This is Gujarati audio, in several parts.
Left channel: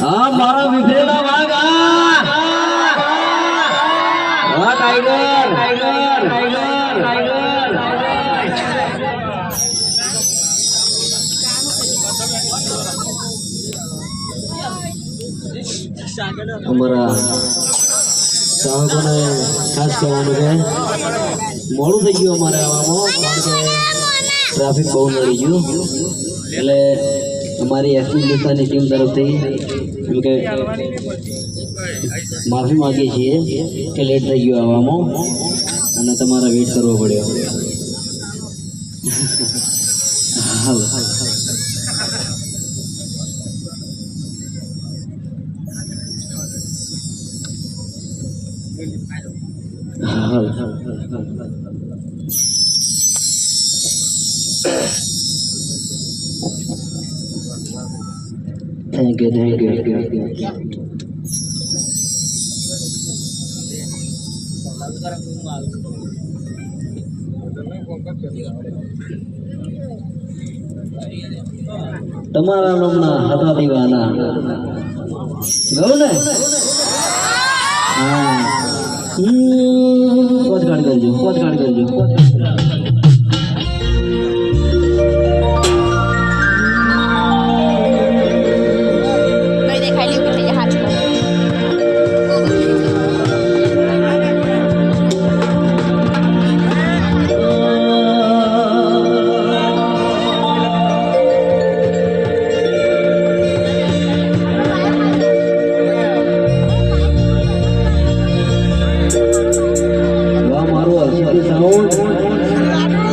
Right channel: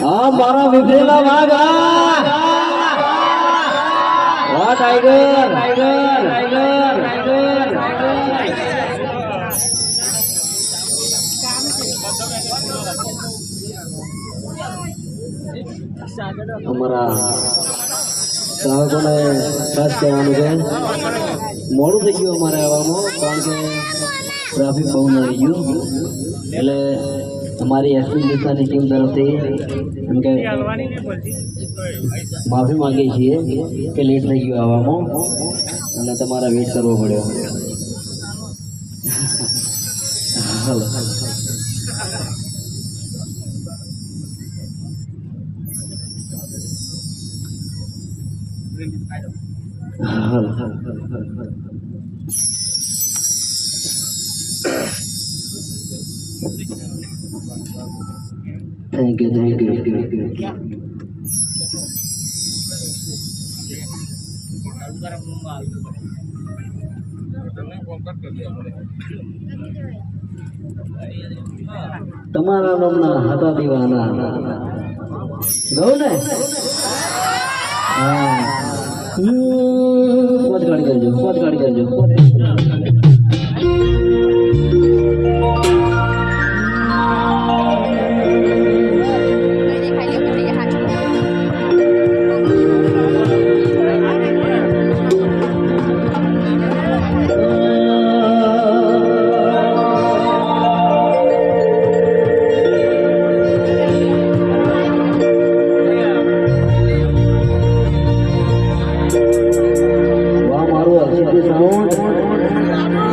हाँ मारा विभ्रेला भागा वाह टाइगर टाइगर टाइगर टाइगर हमारा ચાહકોને ખાસ કહેવાનું છે મોડું થઈ ગયું અમારે આવવામાં કારણ કે ટ્રાફિક બહુ નડી ગયું એટલે અમારી એસપી વિસ્તારની ટીમ તરફથી એમ કે માફી માગીએ છીએ કે લેટ થઈ ગયું આવવામાં અને તમારા વેઇટ કરવો પડ્યો હાલ Thank you, thank you. તમારા નામના હતા દીવાના ગૌ ને હા પોતગાડ કરજો પોતગાડ કરજો સાઉન્ડ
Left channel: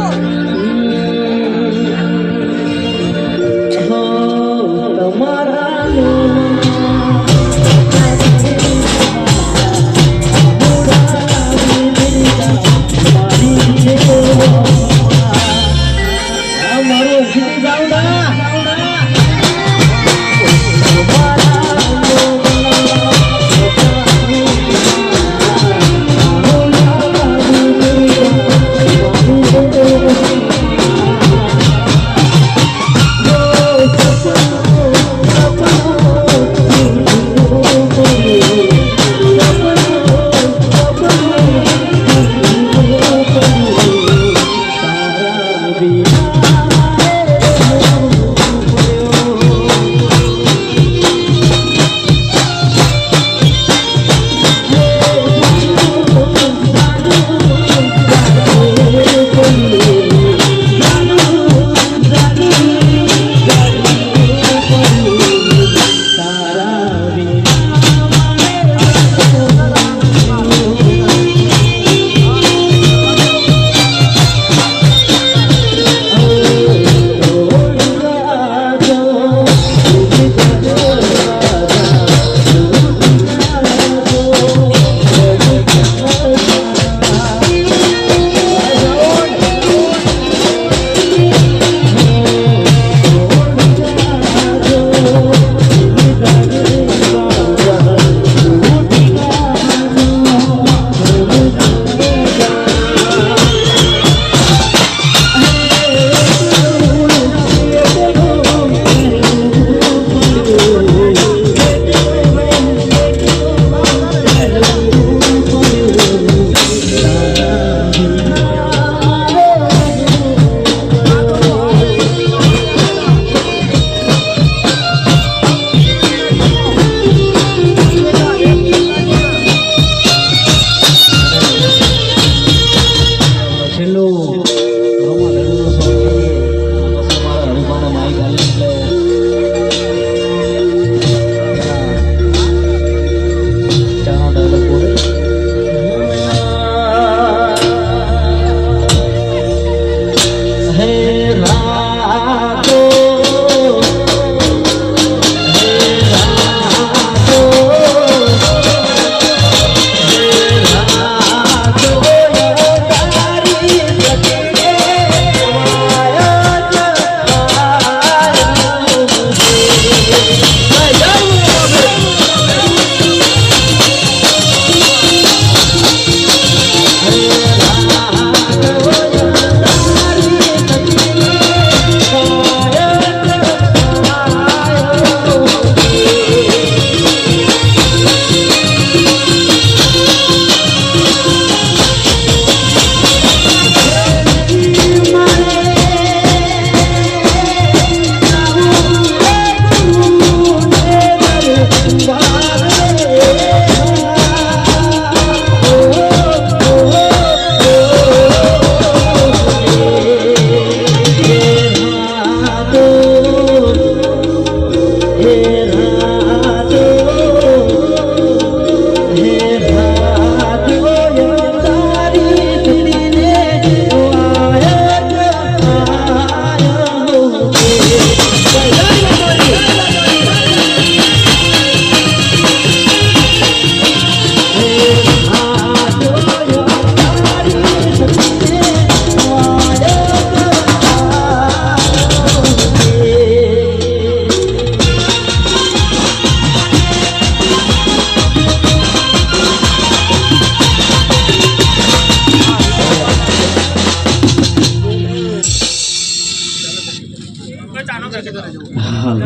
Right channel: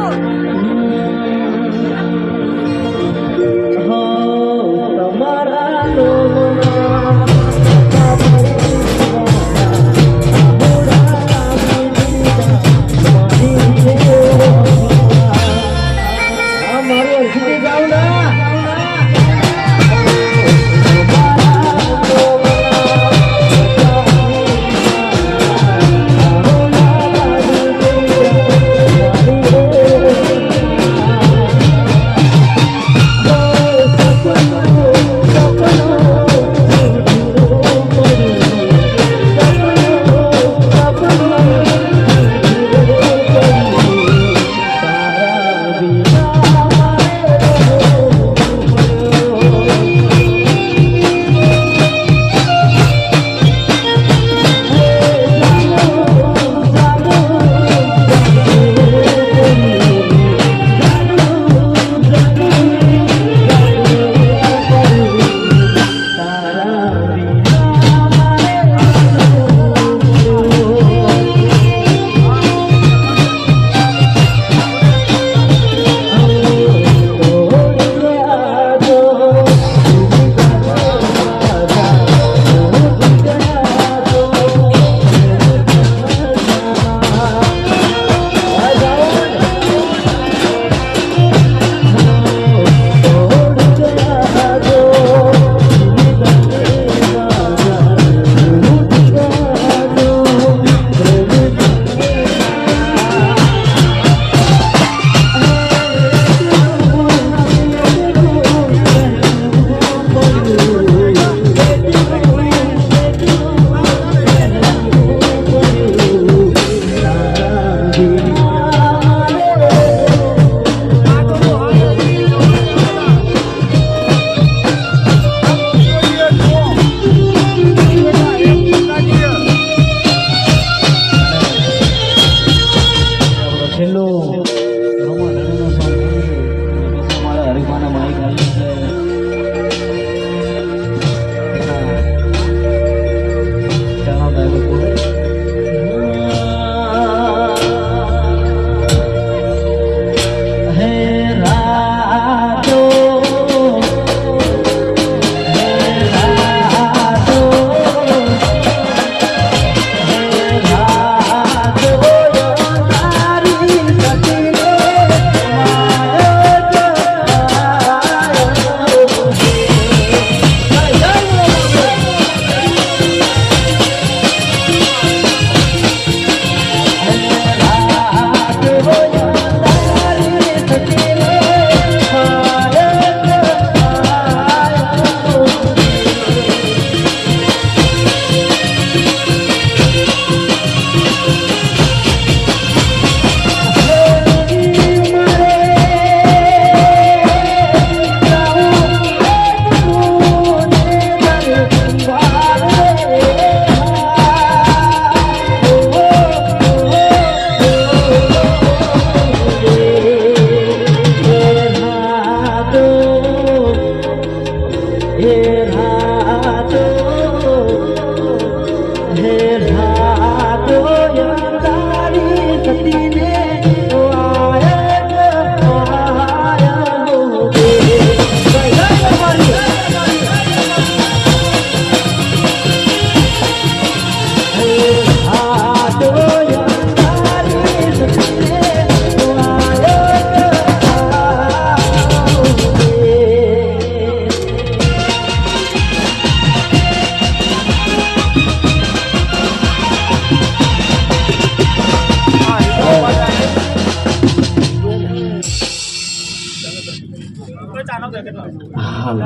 હાલ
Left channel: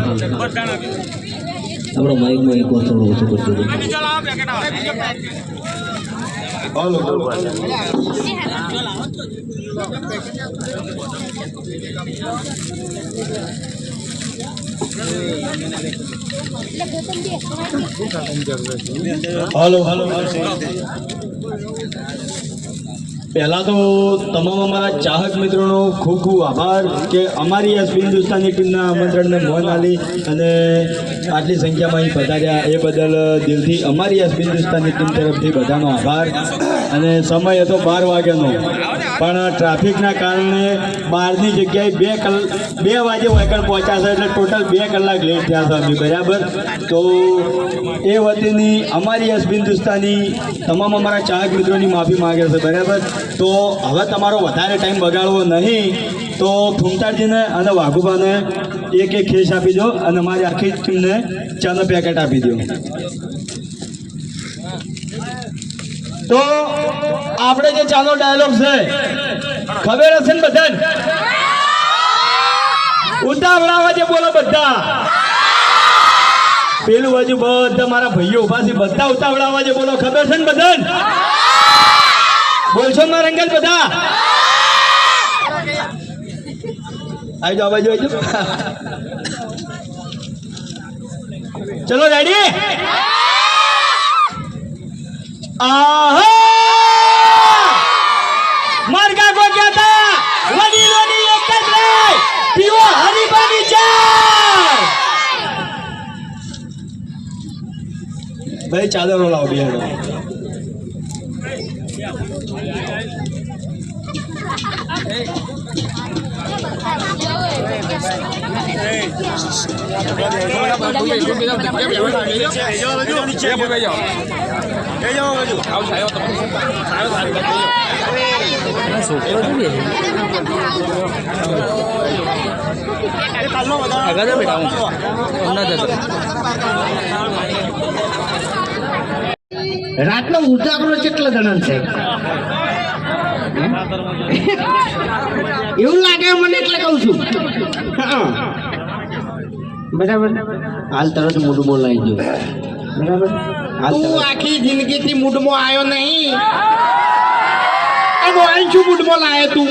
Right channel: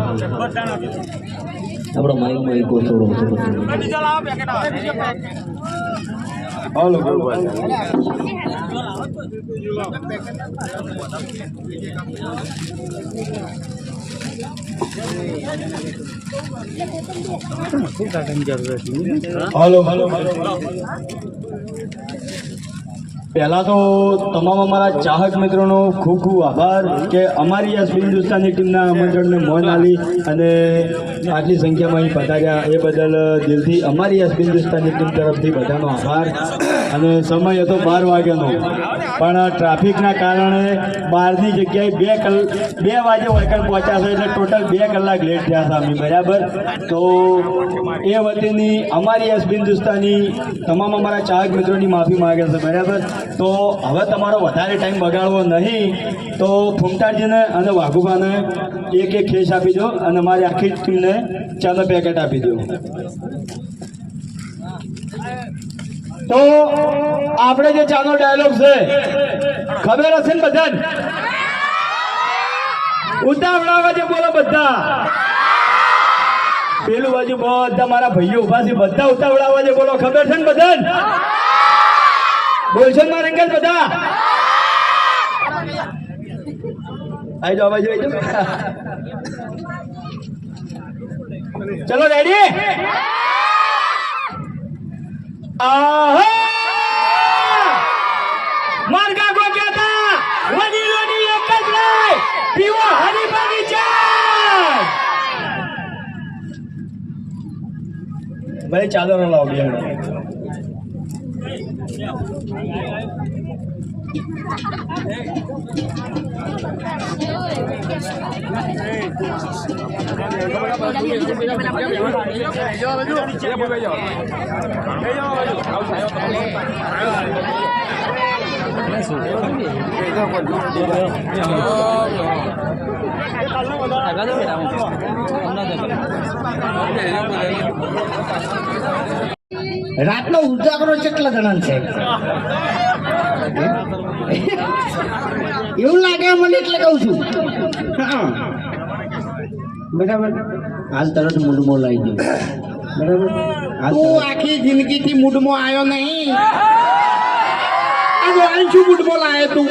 આપણો માઇકમાં એક થોડો ઓછો કરજો હાલો પહેલા તો તમામ અમારા ચાહક મિત્રોનો ખૂબ ખૂબ આભાર કે અમારી એસબી હિન્દુસ્તાની ટીમના આમંત્રણને મોન આલી અને આટલી સંખ્યામાં અહીં પધાર્યા એ બદલ દિલથી અમારી એસબી હિન્દુસ્તાની ટીમ તરફથી બધાનો આભાર. અને સમય હતો 12 વાગ્યાનો, પણ ટ્રાફિકના કારણે 12ની જગ્યાએ 2 વાગે વહીકલ પહોંચ્યા છે, એટલે ટોટલ 2 કલાક લેટ થયા હતા અમે. બરાબર, તો એ વતીની અમારી એસબી હિન્દુસ્તાની તમામ અમારા ચાહક મિત્રોની માફી માગે છે. બરાબર, તો હવે તમારો વધારે ટાઈમ બગાડવો નહીં, તો ફૂમતાજીને અને વાઘુબાને એક ખેસ આપી દો અને અમારી આખી ટીમને ચાનો પેકેટ આપી દો. તો આપણે જે ચાનો ડાયલોગ છે ખબર હશે ને બધા? ઉતાવળાવા જે બોલો બધા, પેલું બાજુ બધા મારા ભાઈઓ ઉભા છે, બધા ઉતાવળાવા જે બોલો. ખબર છે ને બધા? બોલશો ના રંગલ બધા? આવી જાઓ, બાજુ આવી જાઓ. ચલો રેડી? માર્ગા કો કહેતા વડીલોની એક જ રાય, પીવો હરીબાની ચાય. ભાઈ ચાદરો લાવો બિહાડો. રાતનો ઉજાગરો કેટલા જણા છે એવું લાગે મને, એટલે કહું છું. બરાબર, હાલ તરત મૂડમાં લાવી દો. બરાબર, તું આખી જિંદગીથી મૂડમાં આવ્યો નહીં, શું મૂડમાં લાવ્યો તું?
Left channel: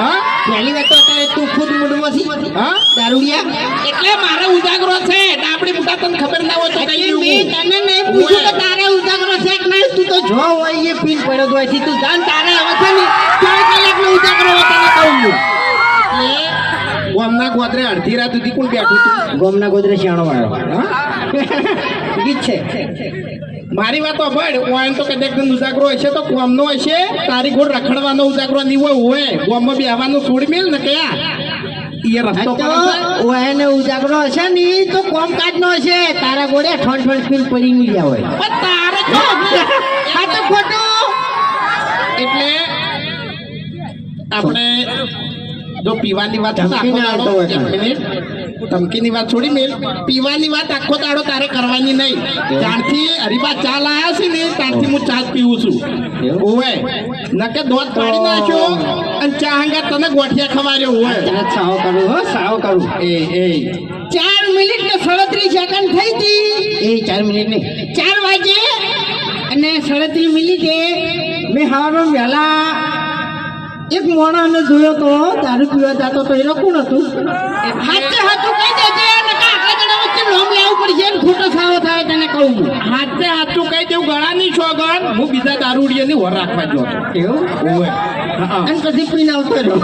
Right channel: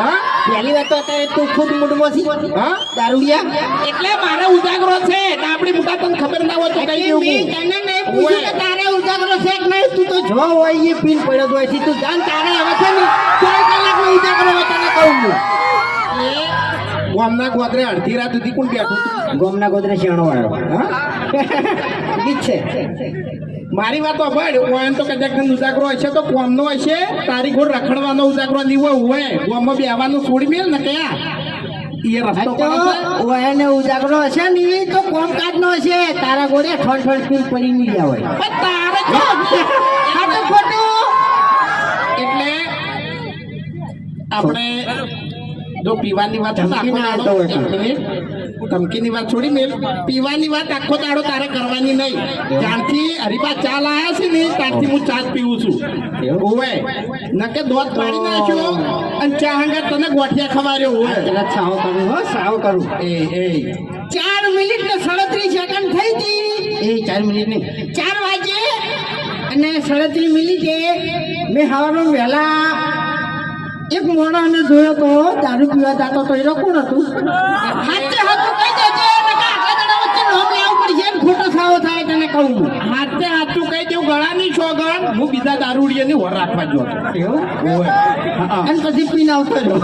હા, પહેલી વાત તો અત્યારે તું ખુદ મૂડમાં છી. હા, દારૂડિયા. એટલે મારો ઉજાગરો છે, આપણી મોટા તને ખબર ના હોય તો કઈ દેવું. તને નહીં પૂછ્યું કે તારે ઉજાગરો છે કે નહીં? તું તો જો હોય એ પીન પડ્યો હોય છે, તું જાણ તારે હવે છે ને 4 કલાકનો ઉજાગરો હોય તને કહું છું. ગોમના ગોદરે અડધી રાત સુધી કોણ બેઠું હતું? ગોમના ગોદરે શેણો આવ્યો. હા, ગીત છે. મારી વાત સાંભળ, ઓયન તો કદાચ ઉજાગરો હશે તો કોમનો હશે, તારી ઘોડ રખડવાનો ઉજાગરો નહીં હોય. ગોમમાં બેહવાનું છોડી મેલ ને કયા એ રસ્તો ઓયને ઉજાગરો હશે ને તો કોમકાજ નો હશે, તારા ઘોડે ઠોડ ઠોડ ફીલ પડી નહીં ગયા હોય. તારે આ તો ખોટું. એટલે આપણે જો પીવાની વાત ધમકીની વાત છોડી મેલ, પીવાની વાત આખો દાડો તારે કરવાની નહીં. ત્યારથી હરીબા ચા લાયા છે ને ત્યારથી હું ચા પીવું છું. ઓવે નકે દોધ કાઢી નાખ્યો અને ચા હંગા તને ગોઠિયા ખવાર્યો હોય. સાવ કરું, હો સાવ કરું. એ 4 મિનિટ ને 37 સેકન્ડ થઈ હતી. એ 4 મિનિટ ને 4 વાગે અને 37 મિનિટે મેં હવારમાં વહેલા એક મોણા અમે જોયો તો દારૂ પીવા જતો તો એનો કોણ હતું? હાથે હાથું કહી દેજે, નકા આટલા જણા વચ્ચે નામ લેવું પડશે ને ખોટો સાવો થાય તને કહું. હાથે હાથું કહી દેવું, ગળાની સોગન હું બીજા દારૂડિયાની હોર રાખવા ગયો હતો. એવું હોય અને પછી પીને આવતો રહ્યો.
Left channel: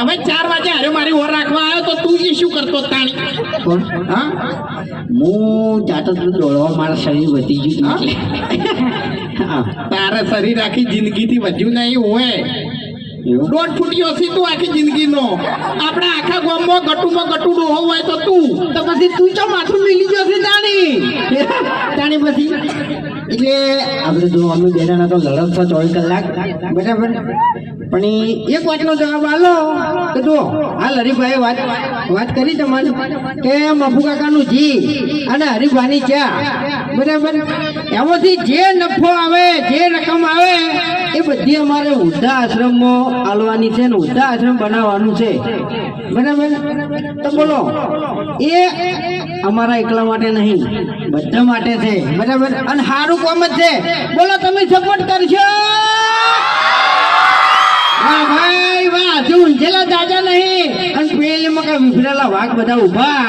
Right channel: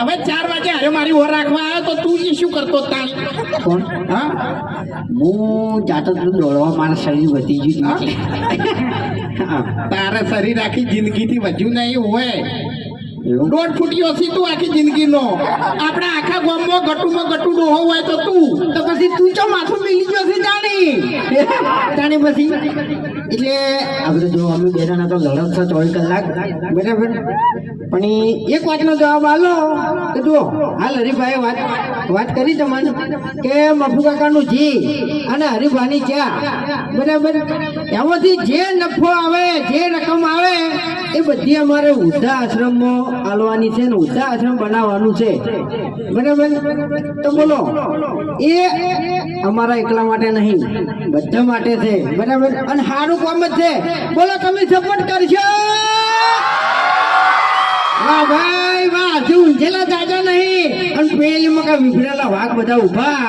હવે 4 વાગે અરે મારી હોર રાખવા આવ્યો તો તું જે શું કરતો તાણી? કોણ? હા, હું જાતો તો દોડવા, મારા શરીર વધી ગયું. તારે શરીર આખી જિંદગીથી વધ્યું નહીં હોય. 1.5 ફૂટ્યો છે તું આખી જિંદગીનો. આપણે આખા ગામમાં ગટુમાં ગટુ ડોહો હોય તો તું તો પછી તું ચો માથું મિલી ગયો છે જાણી પછી. એટલે આ બધું જો અમે બે જણા તો લડત છે 24 કલાક. બરાબર, પણ એક વાતનો જવાબ આલો કે જો હાલ હરીભાઈ વાત કરી તમારે કે મફુ કાકાનું જી અને હરીભાઈની ચા બરાબર. એમાંથી જે નફો આવે, જે રકમ આવે એ બધી અમારે વૃદ્ધા આશ્રમમાં આલવાની છે ને વૃદ્ધા આશ્રમ બનાવવાનું છે. બરાબર. તો બોલો, એ અમારા એકલા માટે નહીં, બધા માટે છે. બરાબર. અને સારું કામ જ છે. બોલો, તમે સપોર્ટ કરશો? વાહ ભાઈ વાહ. હજુ ઊંઝેલા દાદા નહીં અને પેલીમાં કઈ વિફરેલા વાઘ બધા ઉભા,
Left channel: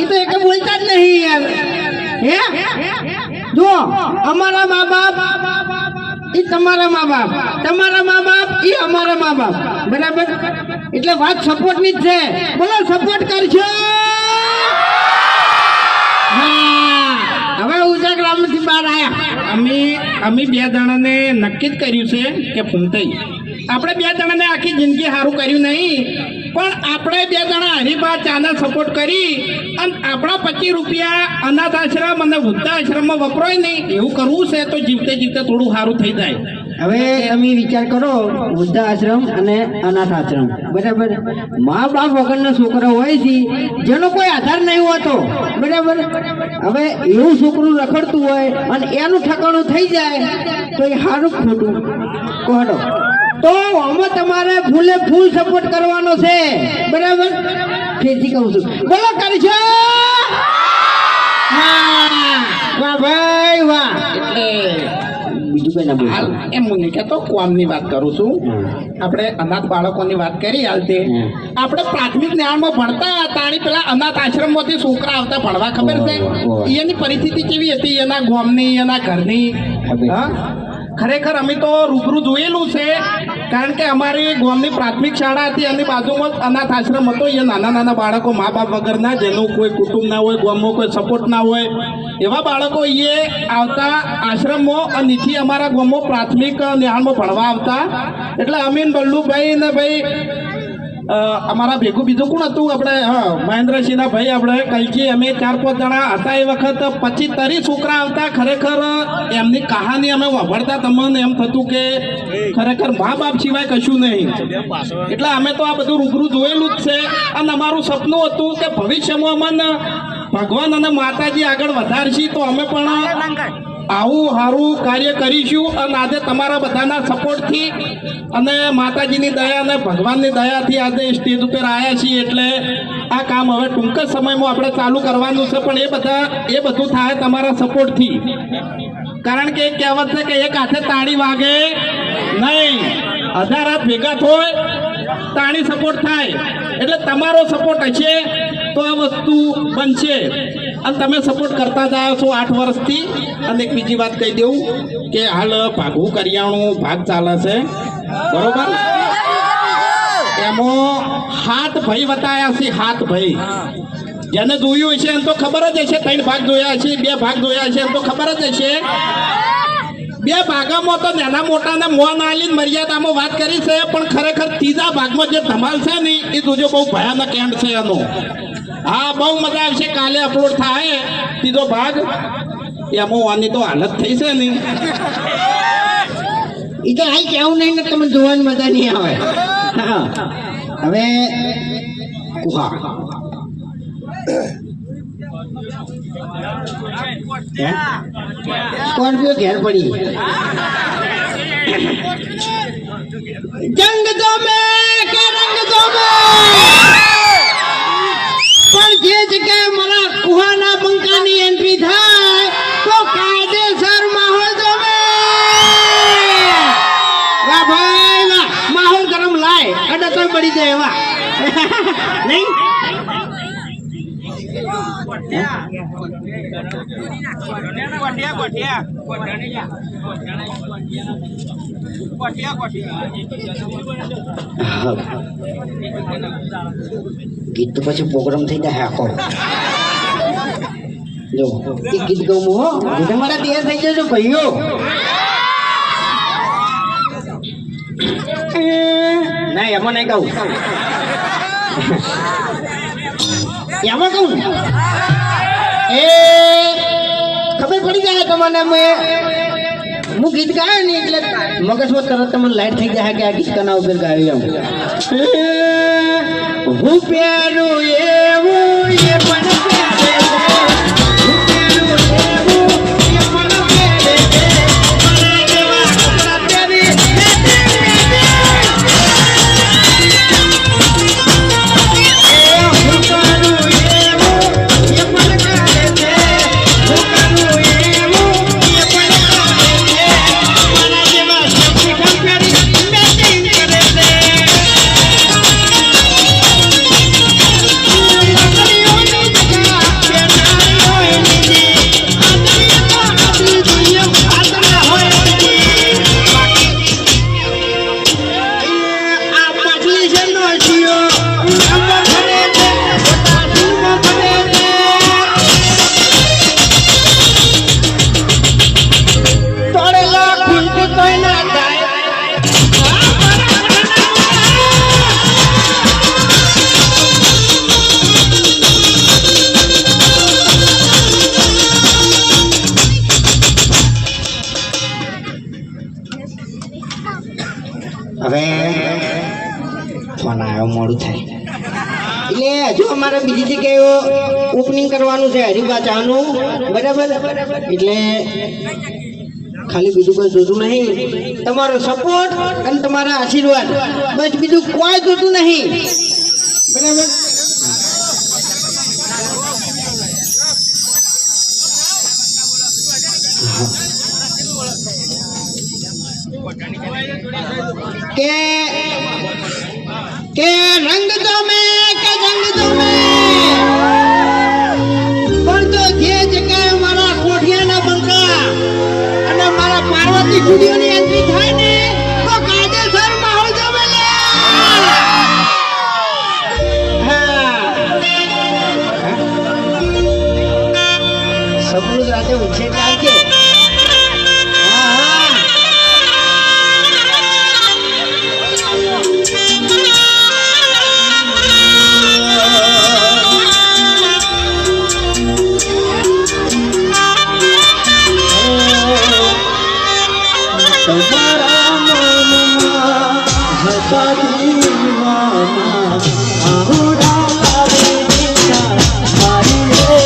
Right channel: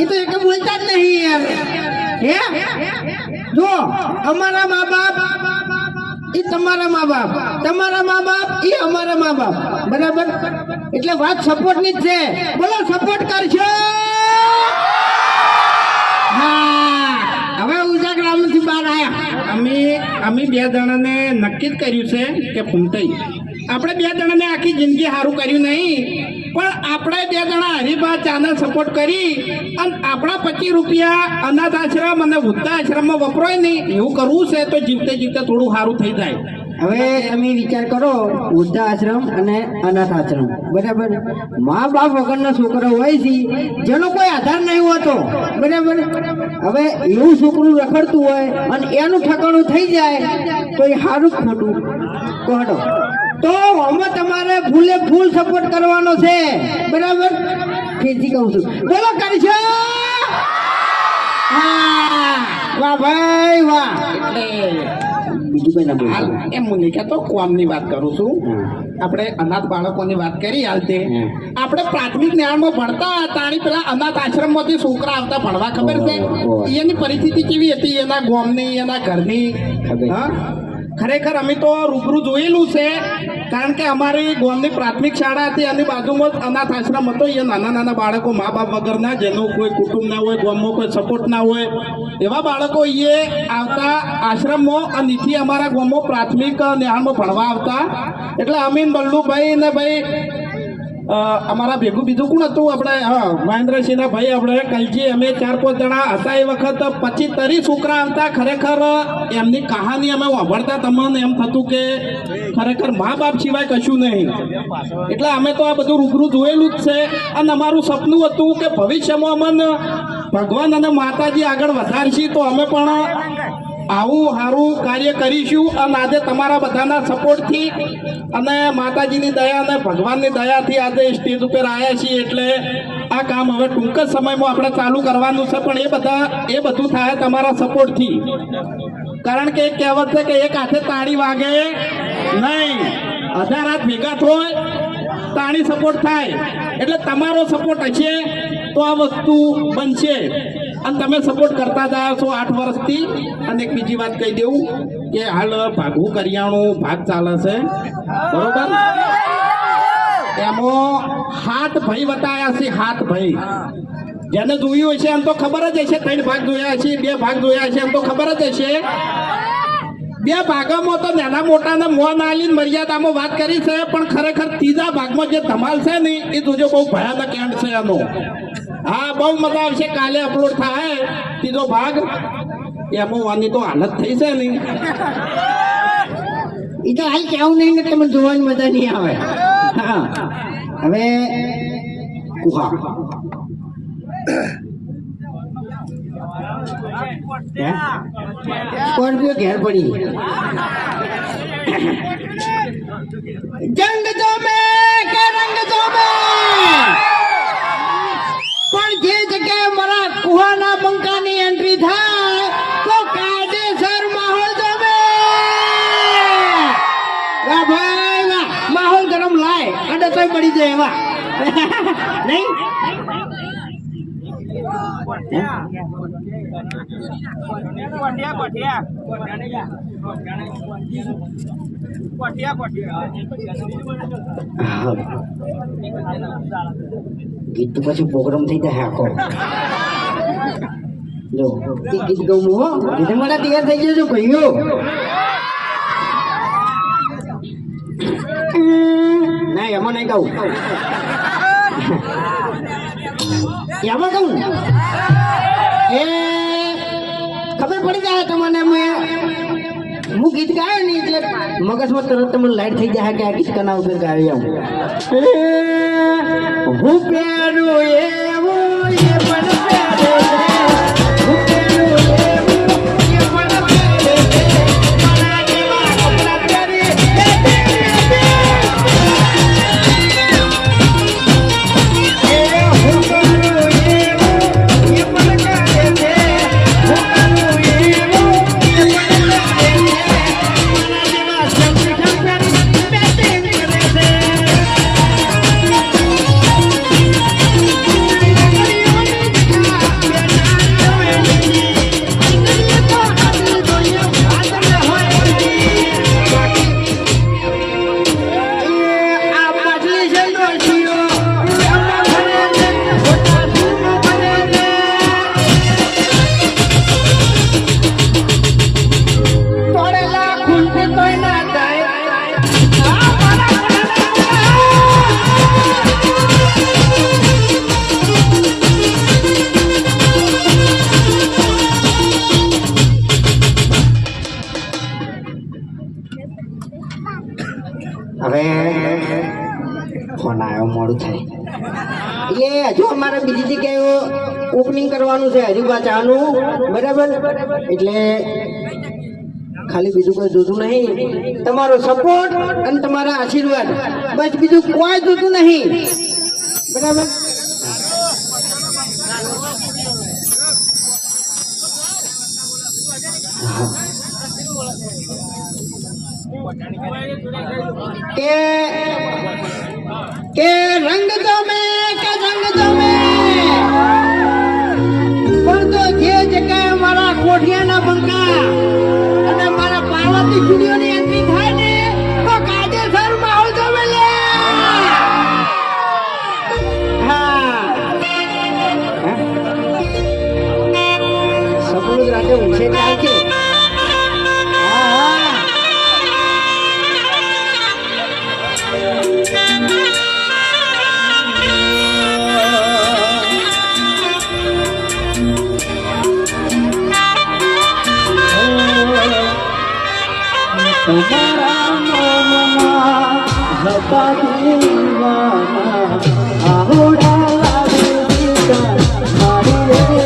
એ તો એક બોલતા જ નહીં યાર. હે જો, અમારા મા બાપ એ તમારા મા બાપ, તમારા મા બાપ એ અમારા મા બાપ. બરાબર. એટલે વાત સપોર્ટ ની જ છે. બોલો, સપોર્ટ કરશો? હા. હવે ઉજાગરામાંથી બહાર આવ્યા. અમે બે જણાને નક્કી જ કર્યું છે કે ફૂમતાઈ આપણે બે જણાને આખી જિંદગી સારું કર્યું નહીં, પણ આપણે બે જણા હરીફા ચાના સપોર્ટ કરી અને આપણા 25 રૂપિયા અનાથ આશ્રમ અને વૃદ્ધા આશ્રમમાં વપરાય નહીં એવું કરવું છે તો જીવતે જીવતે થોડું સારું થઈ જાય. હવે તમે વિચાર કરો, વૃદ્ધા આશ્રમ અને અનાથ આશ્રમ. બરાબર. મા બાપ વગરના છોકરા હોય છે જેનો કોઈ આધાર નહીં હોતો. બરાબર. હવે એવું છોકરું રખડતું હોય અને એનું ઠકાણું થઈ જાય તો એ સારું ખોટું કહો? તો આમાં તમારે ફૂલે ફૂલ સપોર્ટ કરવાનો છે. બરાબર. ફેરથી કહું છું, બોલો, કરશો? હા. વાહ ભાઈ વાહ. એટલે બીજું કઈ ના હાલ બોલ. એમ હું નહીં કહેતો, કોમની વાત કરું છું. આપણે અનાથ બાળકોની વાત કરી હાલ તે આપણે પ્રાથમિક જ્ઞાનમાં ભણતા તાણી પેલા અનાથ આશ્રમમાંથી છોકરા આવતા ભણવા, ખબર છે એની પરિસ્થિતિ કેવી હતી, એના ગામની, એના ઘરની. હા, ખરેખર અમે તો રૂબરૂ જોયેલું છે, કારણ કે અમારી ગામની પ્રાથમિક શાળા હતી એની બાજુમાં જ અનાથ આશ્રમ હતો. એ નાના નાના બાળકો મા બાપ વગરના, જેનું કોઈ કુટુંબ ના હોય, ગામમાં કોઈ સપોર્ટ ના હોય, એવા બાળકો એ આવતા આશ્રમમાં અને નીથી અમારા ગામમાં પ્રાથમિક જ્ઞાનમાં ભણવા આવતા. એટલે અમીન બલ્લુભાઈ ને ભાઈ અમારા ભેગું બીજું કોણ હતું, આપણે હા મહેન્દ્રસિંહના ભાઈ, આપણે કલજી, અમે 4-5 જણા હતા એ વખત. 25-30 છોકરા આવતા. ખરેખર એમની કહાની અમે વાપરતા, તમને એમ થતું કે ખરેખર મા બાપ સિવાય કશું નહીં. એટલે અમે તો આ બધું રૂબરૂ જોયેલું જ છે. અને અમારું સપનું હતું કે ભવિષ્યમાં અમને ભગવાન અને માતાજી આગળ વધારશી તો અમે પણ આવું સારું કાર્ય કરીશું. અને આજે તમારા બધાના સપોર્ટથી અને માતાજીની દયા અને ભગવાનની દયાથી આજે સ્ટેજ ઉપર આવ્યા છીએ. એટલે આ કામ હવે ટૂંક જ સમયમાં આપણે ચાલુ કરવાનું છે, પણ એ બધું થાય તમારા સપોર્ટથી. કારણ કે કહેવત છે કે એક હાથે તાળી વાગે નહીં, 1000 હાથ ભેગા થાય તાળી સપોર્ટ થાય. એટલે તમારો સપોર્ટ હશે તો આ વસ્તુ બનશે. અને તમે સપોર્ટ કરતા જ આવ્યા છો 8 વર્ષથી. અને એક બીજી વાત કહી દઉં કે હાલ ભાગવું કરિયાણું ભાગ ચાલે છે, બરોબર? એમાં 7 ભાઈ બતાવ્યા છે. 7 ભાઈ જેને જોયું હશે એમ તો ખબર જ હશે. 3 ભાગ જોયા હશે, 2 ભાગ જોયા હશે એમ તો ખબર જ હશે. 2 ભાગમાં તો નાના મોટાને મોં આલીને મર્યાદામાં વાત કરી છે, પણ ખરેખર 3જા ભાગમાં જે ધમાલ છે ને એ જોજો, બહુ ભયાનક એન્ડ છે એનો. હા, બહુ મજા આવશે. કાલે અપલોડ થાય 3જો ભાગ. એમાં વાની તો હાલત થઈ છે નહીં. એ તો હાલ કેવું નહીં ને, તમને જોવાની મજા નહીં આવે. હા. હવે કુહા સ્કોર્પિયો ઘેર પડી. જંગ જોમે કે રંગ જોમે, પણ જે જગ્યાએ મારા કુહાના બંકાની એન્ટ્રી થાય તો કાયદેસર માહોલ જોમે. વાહ ભાઈ વાહ. માહોલ ગરમ લાય અને તો મળી જાય એવા નહીં. ગીત તો પછી પ્રોગ્રામ થઈ જાય આખો. જો એ ગીત ગાઉં હો, તમારા તૈયાર થઈ જજો ભાઈઓ. ના એમાં નહીં ગાઉં, એમાં કહું એ ખબર પડી જાય તમને. હું ગીત ગાયો ને એટલે મગજમાં તરત તમને લાઈટ થઈ જાય કે આ ગીત કના ઉપર ગાયો. એમ હું પ્યારું એવું એ પણ પ્યારે, હું પ્યારું એવું હવે ફોન આવ્યો મોડું થાય એટલે હજુ અમારે બીજી જગ્યાએ ઓપનિંગ કરવાનું છે હરિભાચાનું બરાબર એટલે ખાલી બીજું કોઈ જોતું નહીં તમારો સપોર્ટ અને તમારા આશીર્વાદ બસ બીજું કોઈ જોતું નહીં બરાબર કે રંગ દો મેં કે રંગ દો મેં પણ તો જે જગ્યાએ મારા કોઠિયાના બંકા અને મારા પાર્વતી સ્ટુડિયોની એન્ટ્રી થાય ને તો કાયદેસર માહોલ તો સપનું જ રાતે ઊંઘે ચાલશે તમારા મનમાં હતા દીવાના આહોડા લાવે દેતા મારી